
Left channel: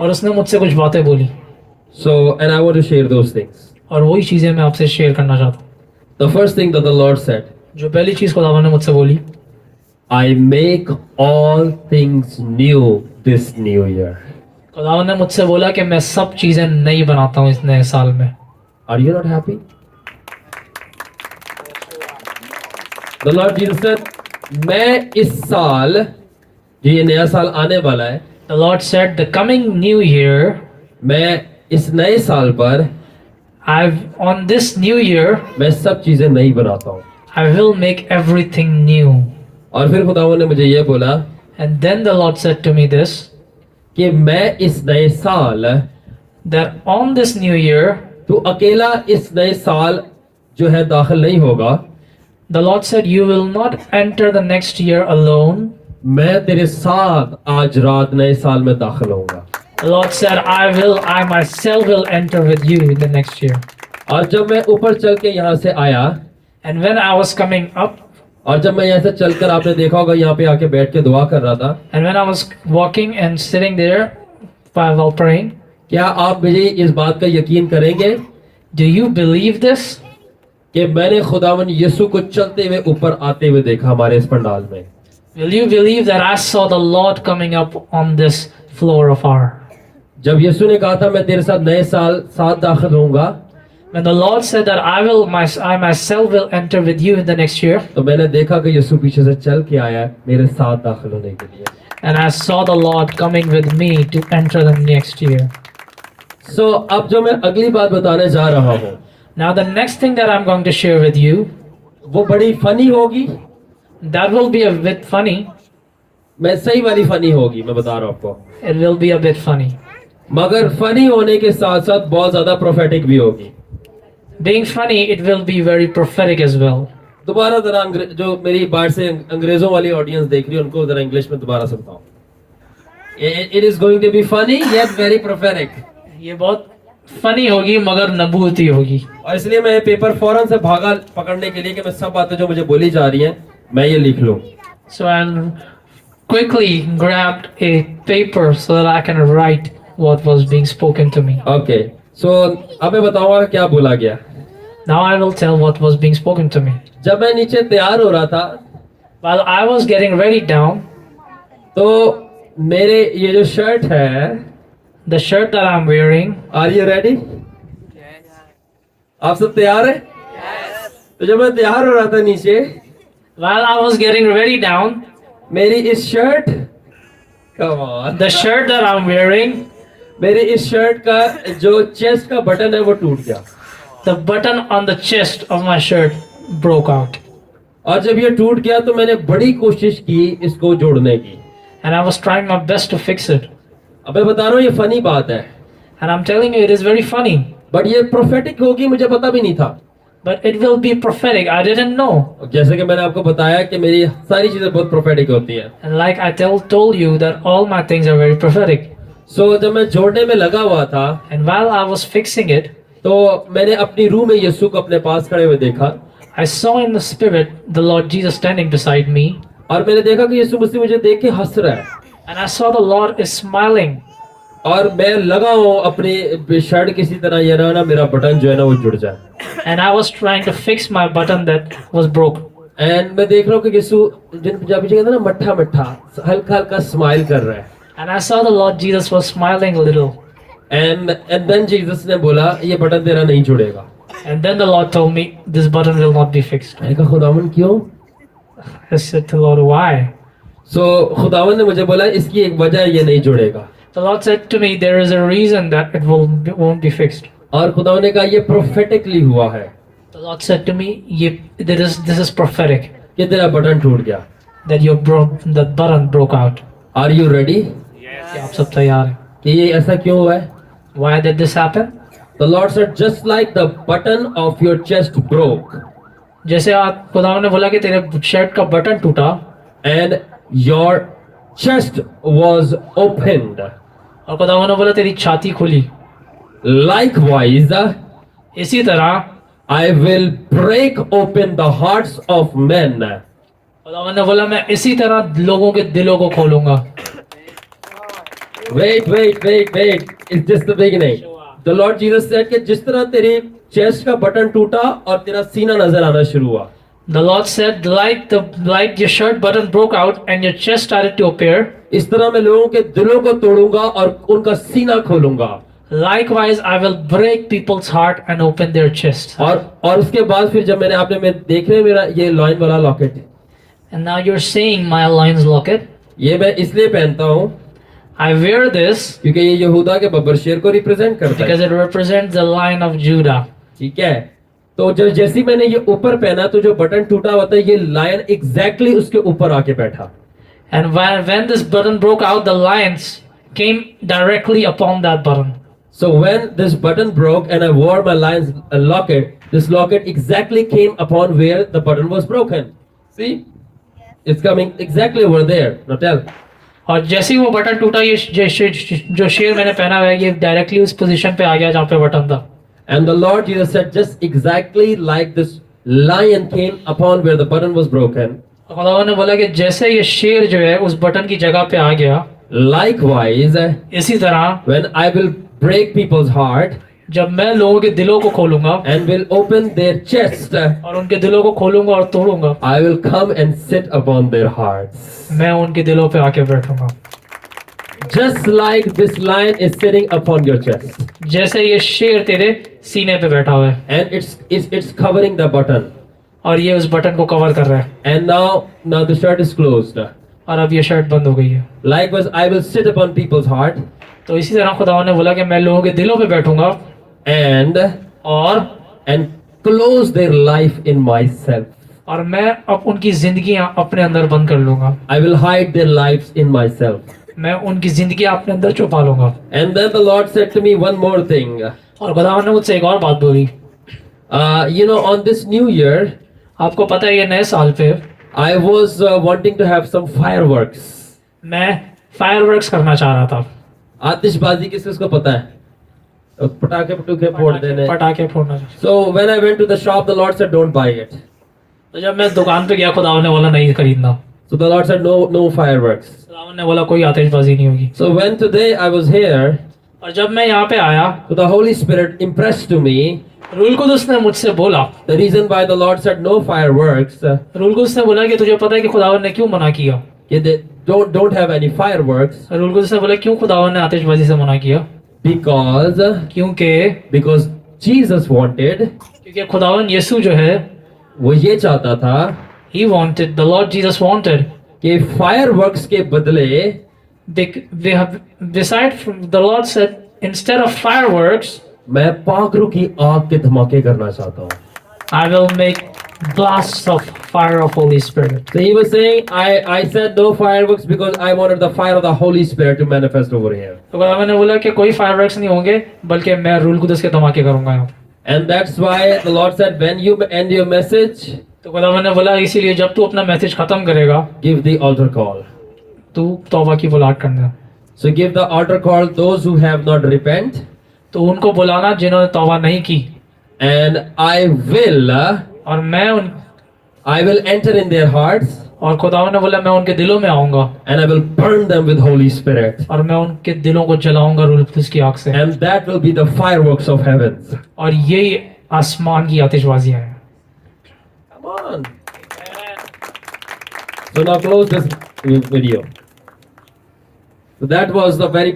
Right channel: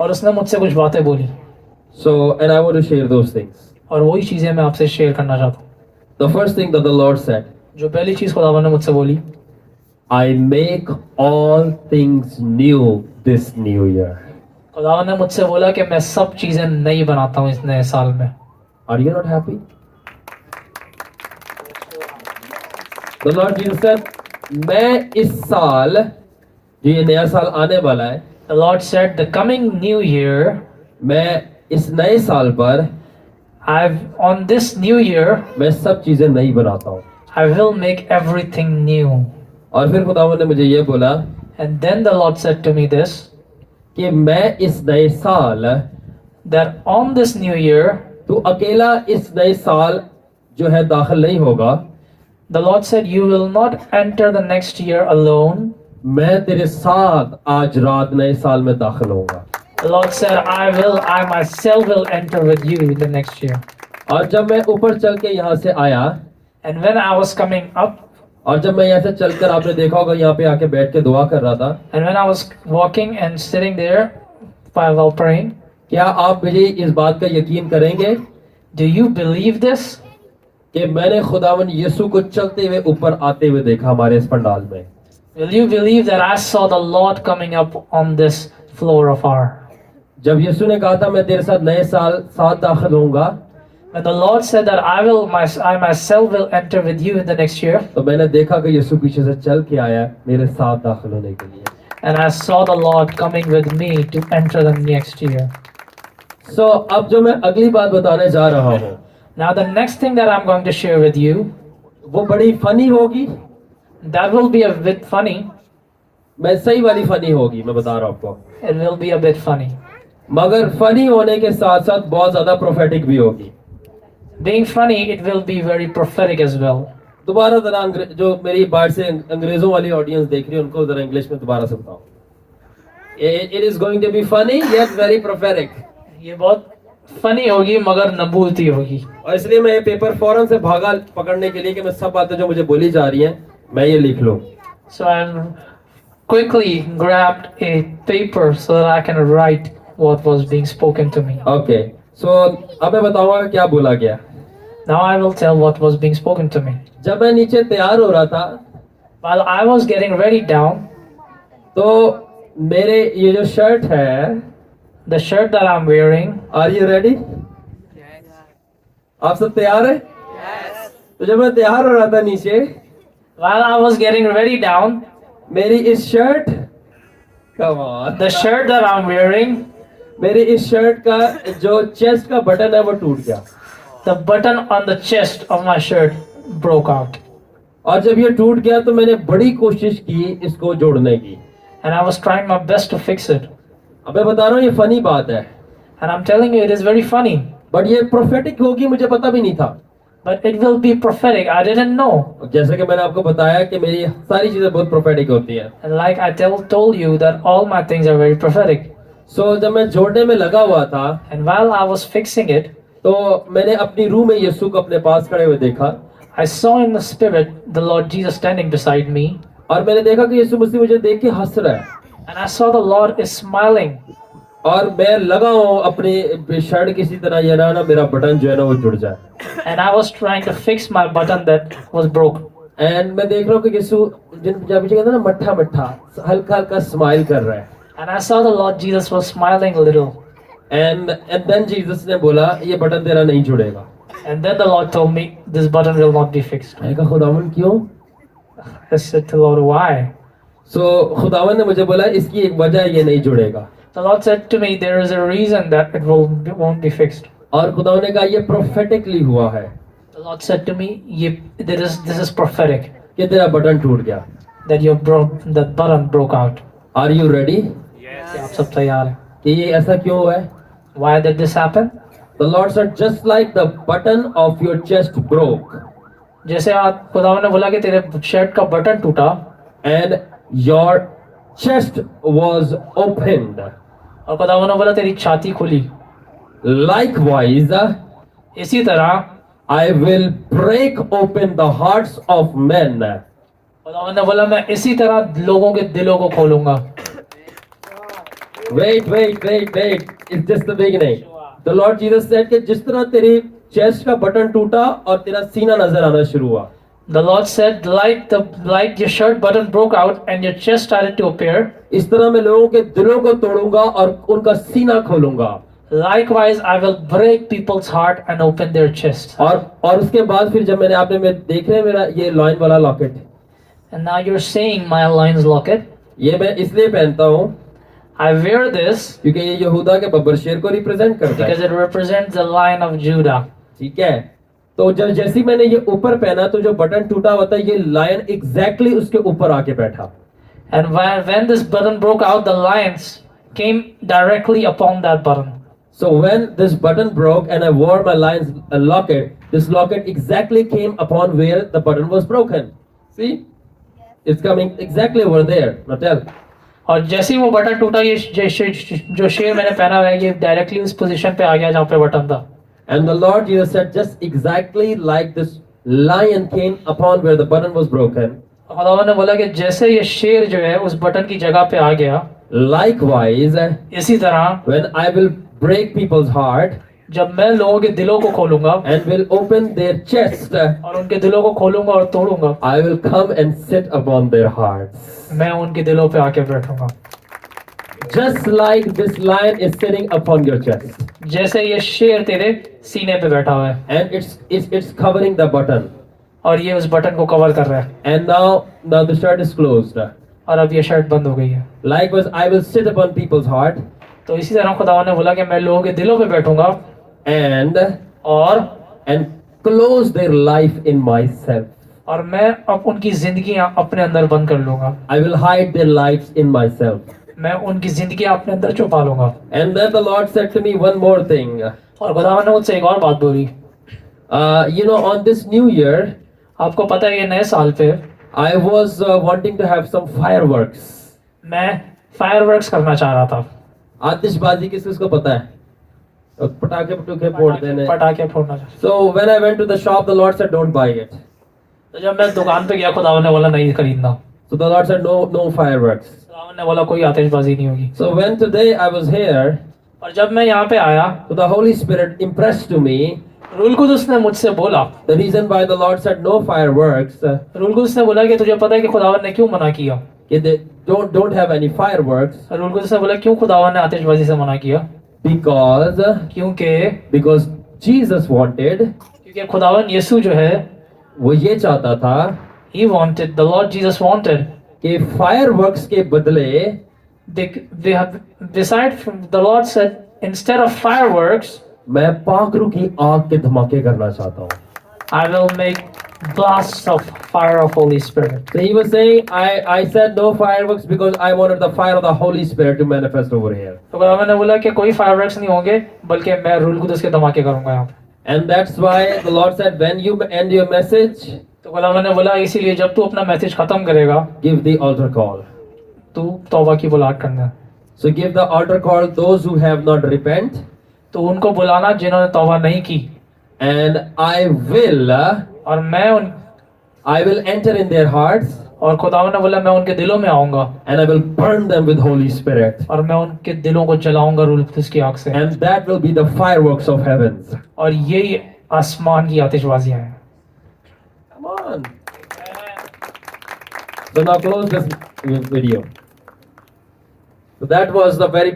और उसने मुझसे कुछ बातें बोली So, and I want to share those things. और वही चीजें मैं आपसे शेयर करना चाहता हूँ. The first thing that the Lord said, जो पहली चीज खुदावंद ने मुझसे बोली, I make all things new this new year. खुदावंद ने मुझसे बोला कि मैं सब चीजें नई बनाता हूँ इस नए साल में. Are you not happy? The Lord Jesus said, मैं इस साल, जो ये नया साल आने वाला है, The Lord said, the coming new year, मैं इस नए साल पर on this new year, मैं सब चीजें नई बनाता हूँ. I will make everything new. और फिर खुदावंद ने मुझे ये बोला And then the Lord said to me this, कि मैं इस नए साल, that on this new year, तू अकेला इस नए साल जो है दाखिल नहीं होगा, the Lord said, you will not enter the next year alone. मैं तेरे साथ आज रात नए साल में दाखिल होऊंगा. The Lord said, I myself will enter with you in the next year. और जब मैं ऊपर चल के यहाँ से आया, And when I was coming up, और जब मैं यहाँ से चलकर, आपने देखा होगा यहाँ पे आके बैठ के दुआ कर रहा था, and when I was walking and sitting there while praying, क्या आप मुझे इस बात का यकीन करेंगे do you believe this? कि मैंने खुदावन यीशु को चलते हुए ऊपर आते हुए देखा हमारे इस पंडाल में. Will you believe that I saw the Lord coming up on this floor of our? जब यीशु ने कहा था मैं तेरे साथ नए साल साथ दाखिल होऊंगा, When the Lord said that I myself will enter with you in the next year, तो मैंने देखा कि यीशु पीछे से चल के आया मेरे साथ दाखिल होने के लिए. and I saw the Lord coming with me to enter the next year. सो अब जो मैं अगली बात बताने जा रहा हूँ, Now the next thing that I'm going to share with you, वो बड़ी फनी होगी. that will be a bit funny. मैं सही वाली फनी होगी, मैं बता रहा हूँ आपको. It will be a bit funny. मगर फनी होने के साथ साथ बहुत ज्यादा प्रोफेटिक भी होगी. Being funny, it will be very prophetic as well. दोबारा जरा जो मेरी बाहर से अंग्रेजों वाली ऑडियंस देख रही है उनको जरा इंग्लिश में दोबारा समझाओ. It is going to be funny yet very prophetic. ये बहुत फनी होगी मगर नबूवती होगी. और इसलिए मैं ये पेपर फौरन से भागा पकड़ने के लिए कि मैं सब बातें जो मुझे बोली जा रही हैं मैं ये लिख लूं. So I quickly grabbed a paper so that I can write what was being spoken to me. Okay, so अब मैं बताऊंगा क्या बोला गया. Now I will tell what was being spoken to me. जब मैं नीचे तैयार हो रहा था, While I was getting ready down, तो मेरे ये जो शर्ट है, the shirt that I'm wearing, are you ready? आप सब तैयार है? तो जब मैं तैयार हो रहा था नीचे, while I was getting ready down, मेरी इस shirt, come on, the shirt that I'm wearing, मेरी इस शर्ट का जो चेस्ट का बटन है वो टूट गया. the button on the chest of my shirt broke out. और जब ये टूट गया तो मैंने बड़ी कोशिश की इसको जोड़ने की. And I was trying my best to fix it. अब मैं बता रहा हूँ ये फनी बात है, And I'm telling you, it is very funny. But ये प्रोफेटिक होगी मुझे पता भी नहीं था. But it will be prophetic. I didn't know. जैसे कि मैंने आपको बताया कि मेरी सारी चीजें बहुत प्रोफेटिक होती हैं. And like I told you that all my things are very prophetic. सो जब मैं जोड़ने में लगा हुआ था, And while I was fixing it, तो मैंने अपनी रूह में यीशु को अपने पास खड़े हुए देखा. I saw in the spirit the Lord Jesus standing beside me. और मैंने देखा कि यीशु मसीह मुझे देख के हंस रहा है. And I saw the Lord is smiling. और मैं लगा हूँ अपनी शर्ट किसी तरह ये ना मेरा बटन जो है ना वो जुड़ जाए. And I was trying to fix my button that was broke. And मैं देख रहा हूँ कि यीशु जिन पंजाबी से कहते हैं ना मट्ठा मट्ठा हल्का हल्का स्माइल कर रहा है. And I saw the Lord Jesus was smiling a little. And then Jesus ने बोला ये बटन तेरा नहीं जुड़ेगा. And then the Lord told me, this button will not be fixed. मैंने कहा खुदावन क्यों? I said to the Lord, why? सो खुदावन ने मुझे बोला इसकी एक वजह है ये नहीं जुड़ेगा. The Lord said to me, there is a reason that it won't be fixed. और खुदावन ने कहा ये प्रोफेटिकली हुआ है The Lord said to me, this is prophetic, कि तेरा बटन टूट गया. that the button broke out. Are you ready? क्या आप सब तैयार हैं? कि ये ऐसा क्यों हुआ है? Why did this happen? The Lord said just like the button of your chest broke जैसे आप खुदावंद ने बोला कि तेरे शर्ट का बटन टूटा and your chest was opened. और खुदावन ने बोला तेरी छाती खुली। Likewise, इसी तरह I will break open the hearts of men. खुदावन ने बोला मैं इसी तरह लोगों के दिलों को खोलूंगा। Wait. It's just the beginning. The Lord Jesus said कि जिस तरह तेरी चेस्ट का बटन टूटा और तेरा सीना नजर आना शुरू हुआ, The Lord said, like your shirt button broke out and your chest started to appear, इस तरह मैं लोगों के दिलों को तोड़ूंगा और उनका सीना खोलूंगा। likewise I will break people's heart and open their chest. और उसके बाद फिर जब मैंने आपने मैं देख रहे हैं मेरा ये लॉइन वाला locket, And now you're seeing my lion's locket. ये मैं इसलिए पहनता हूँ I wear this क्योंकि ये यहूदा के बब्बर शेर को रिप्रेजेंट करता because है। it represents the lion of Judah. ठीक है, तो जब जैसे मैंने ये ऊपर पहना तो जो बटन टूटा हुआ था ये लायन एग्जैक्टली उसके ऊपर आके बैठा। And when this button broke out, the lions came directly upon that button. So when this button broke and I wore my lion's locket, this locket exactly came upon where the button was broken. See, it's coming exactly over there. Now tell. और जैसे ही वो बटन टूटा, ये जो शेर मैंने पहना हुआ है ये डायरेक्टली उस पोजीशन पे आ गया जहाँ पे बटन था। And the Lord Jesus said, just exactly like this lion came upon where the button was broken. खुदावंद ने बोला कि जैसे ये शेर जो है उस बटन की जगह पे आ गया, Likewise, इसी तरह when I will break people's heart जब मैं लोगों के दिलों को खोलूंगा and will open their chest, और उनके दिलों को खोलूंगा और तोड़ूंगा, I will come and sit upon their hearts. मैं उनके दिलों पे आके बैठूंगा। Just like this lion is sitting upon your chest. जैसे ये शेर तेरे सीने पे बैठा हुआ है And it's covering the button. और ये उस बटन को कवर कर रहा है, And now the shirt is closed. और अब ये शर्ट बंद हो गई है। Likewise, I will sit upon people's heart तो इसी तरह खुदावंद ने बोला कि मैं लोगों के दिलों पे बैठूंगा and close their life in myself. और मैं अब उनकी जिंदगियां अपने अंदर बंद कर लूंगा। I will hide their lives in myself. मैं उनकी जिंदगी अपने अंदर छुपा लूंगा। And then the Lord said to me one more thing. और खुदावंद ने मुझसे एक और बात बोली। On this new year, आपको पता है ये नए साल पे I was wanting to have some fireworks. मैं फायरवर्क्स करना चाह रहा था। आतिशबाजी किसको पता है? पटाखे पटूखे फोड़ देने। पटाखे फोड़ना चाह। So when I went to the shop, the Lord said, "Don't buy it." तो जब मैं दुकान पे गया खुदावंद ने बोला नहीं खरीदना। So the Lord said, "No fireworks." खुदावंद ने बोला कोई आतिशबाजी नहीं होगी। So when today I was here, और जब मैं यहाँ पे आया so the Holy Spirit impressed to me Ruhul Quddus ने मुझसे बोला, the reason why the Lord said no fireworks. Ruhul Quddus ने बोला कि तुझे पता है कि खुदावंद ने क्यों मना किया? They don't have any fireworks Ruhul Quddus ने बोला क्यों खुदावंद ने आतिशबाजी से मना किया? because Jesus wanted, क्योंकि खुदावंद यीशु जो है वो ये चाहता था the Lord Jesus wanted कि fireworks के बदले beside from the Lord said instead of fireworks मैं पाखरू की आग के धमाके करना चाहता हूँ. I will make blasts of fire of Holy Spirit. So he was saying, I said no fireworks because I wanted the fire of the Holy Spirit to manifest over here. तो खुदावंद ने बोला कि कोई fireworks नहीं होंगे बल्कि मैं रूल कुदस के धमाके करूंगा यहाँ पे। And that's why the Lord said, when you end your message, तो खुदावंद ने बोला इसीलिए जब तू अपना मैसेज खत्म करेगा give the altar call. तू तौबा की बुलाहट करना। So give the altar call those who have not repent. तो उनको बुलाना जिन्होंने तौबा नहीं की। And I और मैं will enter in their hearts. और खुदावंद ने बोला मैं उनके दिलों में आऊंगा। And I will burn them with Holy Spirit. और मैं उनके दिलों को जलाऊंगा रूल कुदस की आग से। And that will be the fireworks of heavens. और यही आसमान की आतिशबाजियां हैं। Come on. So now close this video. So that was the very